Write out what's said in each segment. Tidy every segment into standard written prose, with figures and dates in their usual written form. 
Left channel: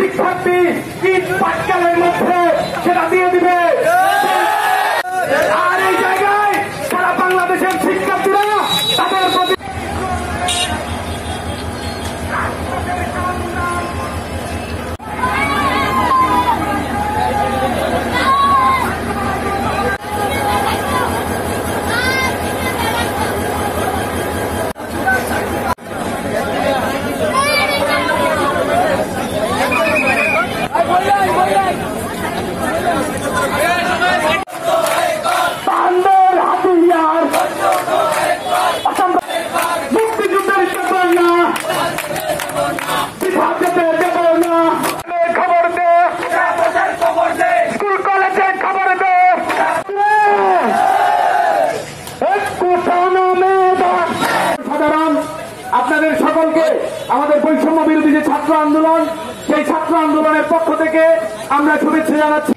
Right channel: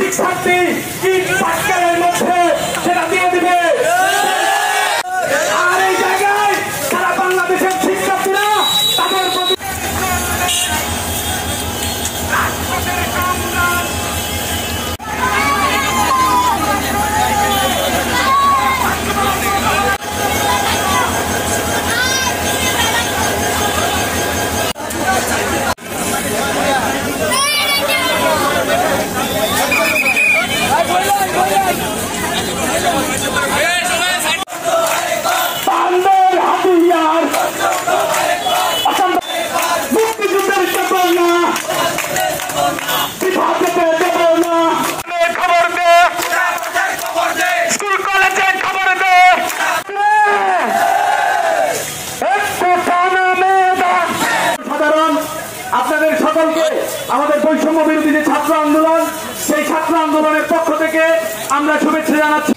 শিক্ষার্থী ইট পাটকেলের মধ্যে সেটা দিয়ে দিবে। আর এই জায়গায় সারা বাংলাদেশের শিক্ষার্থীরা তাদের প্রতি আপনাদের সকলকে আমাদের বৈষম্য বিরোধী যে ছাত্র আন্দোলন, সেই ছাত্র আন্দোলনের পক্ষ থেকে আমরা শুভেচ্ছা জানাচ্ছি।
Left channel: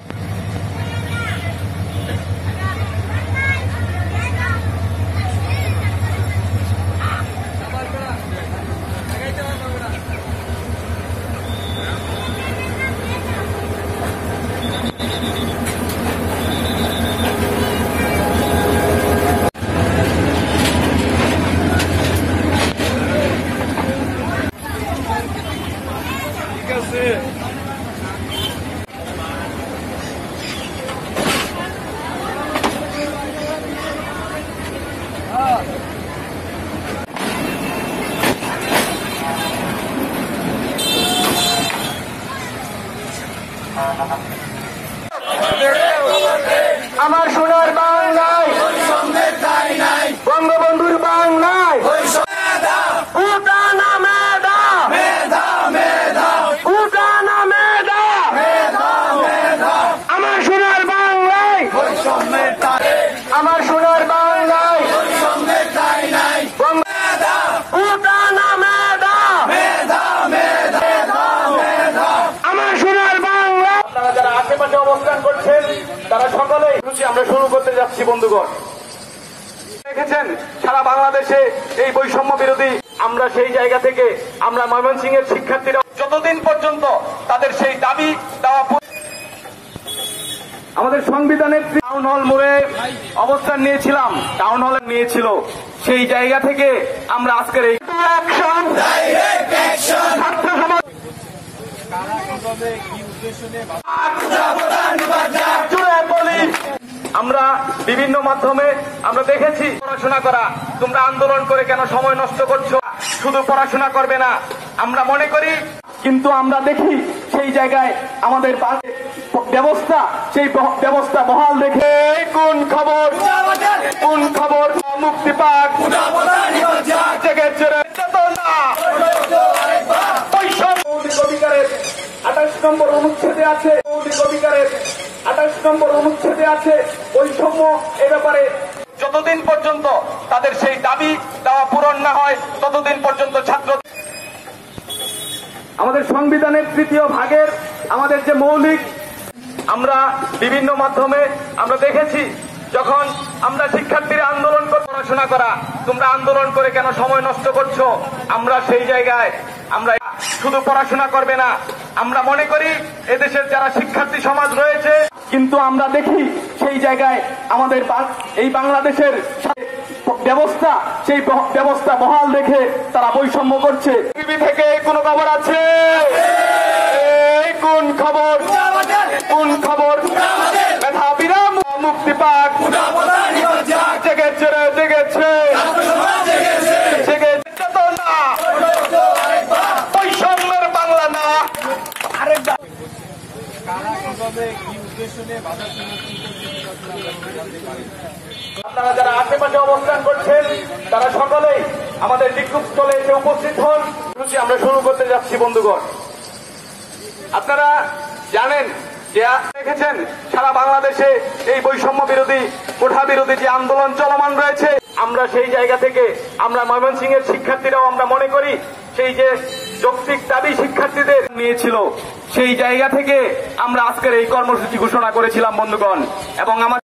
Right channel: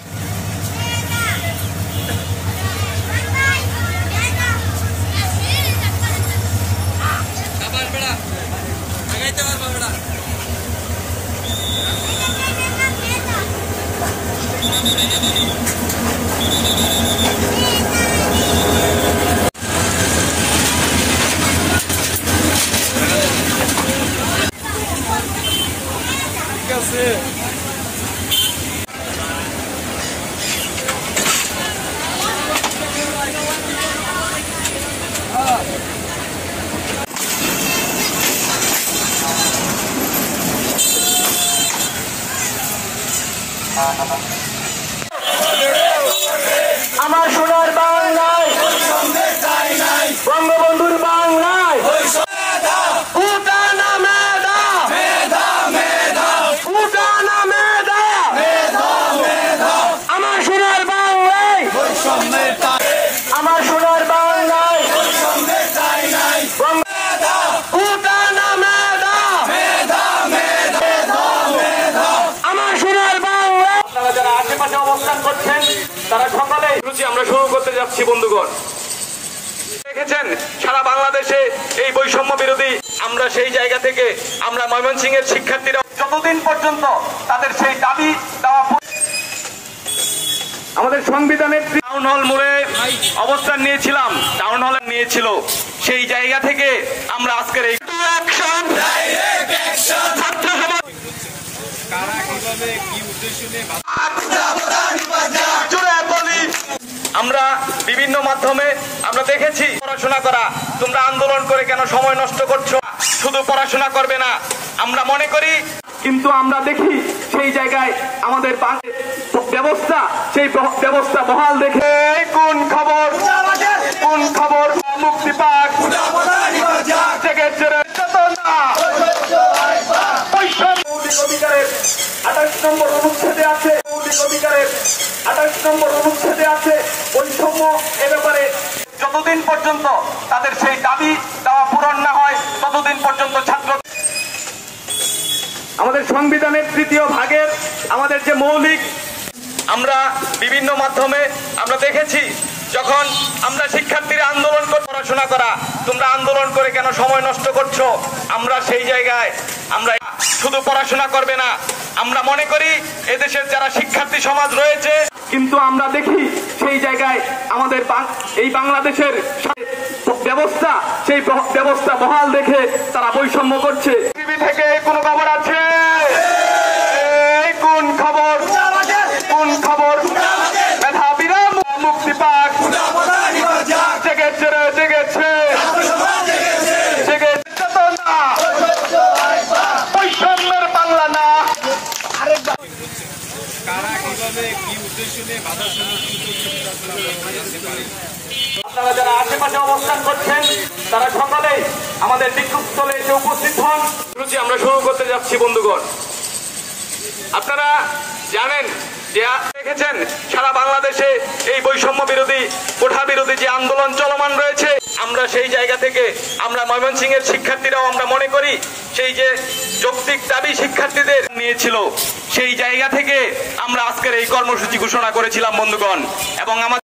আমার সোনার বাংলায় বঙ্গবন্ধুর বাংলায় আমার সোনার বাংলায় আমার সোনার বাংলায় অবস্থান করছেন তারা সকলেই আমরা শুরু করতে যাচ্ছি। বন্ধুগণ, দেখেছেন সারা বাংলাদেশে এই বৈষম্য বিরোধী আমরা সেই জায়গা থেকে আমরা ময়মনসিংহের শিক্ষার্থীরা যতদিন পর্যন্ত তাদের সেই দাবি দেওয়া আমাদের সংবিধানের টাউন হল মোড়ে অবস্থান নিয়েছিলাম, টাউন হল নিয়েছিল, সেই জায়গা থেকে আমরা আজকের এই আমরা বিভিন্ন মাধ্যমে আমরা দেখেছি পড়াশোনা করা, তোমরা আন্দোলন করে কেন সময় নষ্ট করছো, শুধু পড়াশোনা করবে না আমরা মনে করি, কিন্তু আমরা দেখি সেই জায়গায় আমাদের ব্যবস্থা সেই ব্যবস্থা বহাল দেখে কোন খবর মুক্তি পাক মৌলিক অধিকারের 28 নম্বর অনুচ্ছেদে আছে, মৌলিক অধিকারের 28 নম্বর অনুচ্ছেদে আছে বৈষম্য এ ব্যাপারে যতদিন পর্যন্ত তাদের সেই দাবি দেওয়া পূরণ না হয় ততদিন পর্যন্ত ছাত্র আমাদের সংবিধানের 3য় ভাগের আমাদের যে মৌলিক আমরা বিভিন্ন মাধ্যমে আমরা দেখেছি যখন আমরা শিক্ষার্থীরা আন্দোলন করে পড়াশোনা করা, তোমরা আন্দোলন করে কেন সময় নষ্ট করছো, আমরা সেই জায়গায় আমরা শুধু পড়াশোনা করবে না আমরা মনে করি এদেশের যারা শিক্ষার্থী সমাজ রয়েছে, কিন্তু আমরা দেখি সেই জায়গায় আমাদের এই বাংলাদেশের ব্যবস্থা সেই ব্যবস্থা বহাল দেখে তারা বৈষম্য করছে। টিভি থেকে কোন খবর আছে? কোন খবর মেধাবীরা মুক্তি পাক জেগেছে বৈষম্যের বাংলা না আরেকবার আপনারা যারা আশেপাশে অবস্থান করছেন তারা সকলেই আমাদের বিক্ষোভস্থলে এসে উপস্থিত হন। আমরা শুরু করতে যাচ্ছি। বন্ধুগণ, আপনারা জানেন যে দেখেছেন সারা বাংলাদেশে এই বৈষম্য বিরোধী কোঠা বিরোধী যে আন্দোলন চলমান রয়েছে, আমরা সেই জায়গা থেকে আমরা ময়মনসিংহের শিক্ষার্থীরাও আমরা মনে করি সেই যে যৌক্তিক দাবি শিক্ষার্থীদের নিয়েছিল সেই জায়গা থেকে আমরা আজকের এই কর্মসূচি ঘোষণা করেছিলাম বন্ধুগণ। এবং আমাদের